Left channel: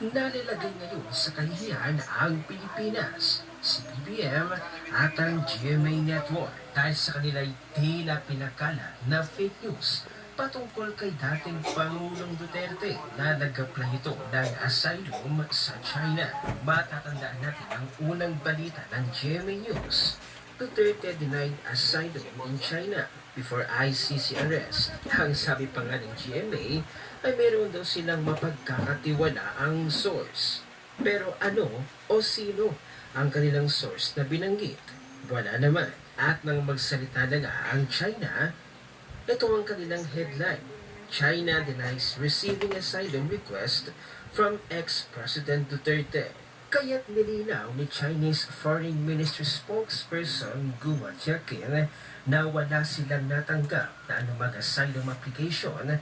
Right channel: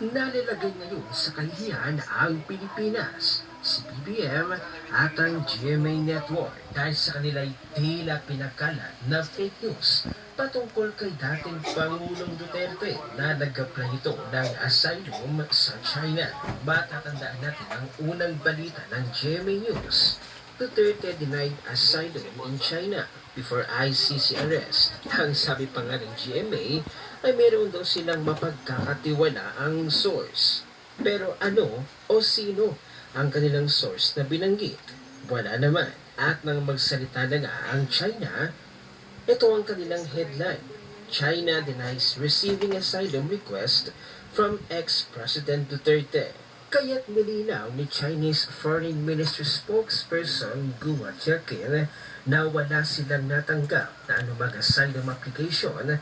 Nalalagay ngayon sa kahihiyan ang Pilipinas, si BBM at ang GMA Network dahil sa kanila'y tila pinakalat na fake news patungkol kay dating Pangulong Duterte na nag-apply ito ng asylum sa China. Matatandaan natin ang unang balita ng GMA News. Duterte denied asylum in China before ICC arrest. Ang sabi pa nga ng GMA ay meron daw silang mapagkakatiwalaang source. Pero ano o sino ang kanilang source na binanggit? Wala naman. At nang magsalita na nga ang China, ito ang kanilang headline. China denies receiving asylum request from ex-President Duterte. Kaya't nilinaw ni Chinese Foreign Ministry spokesperson Guo Jiaqing na wala silang natanggap na anumang asylum application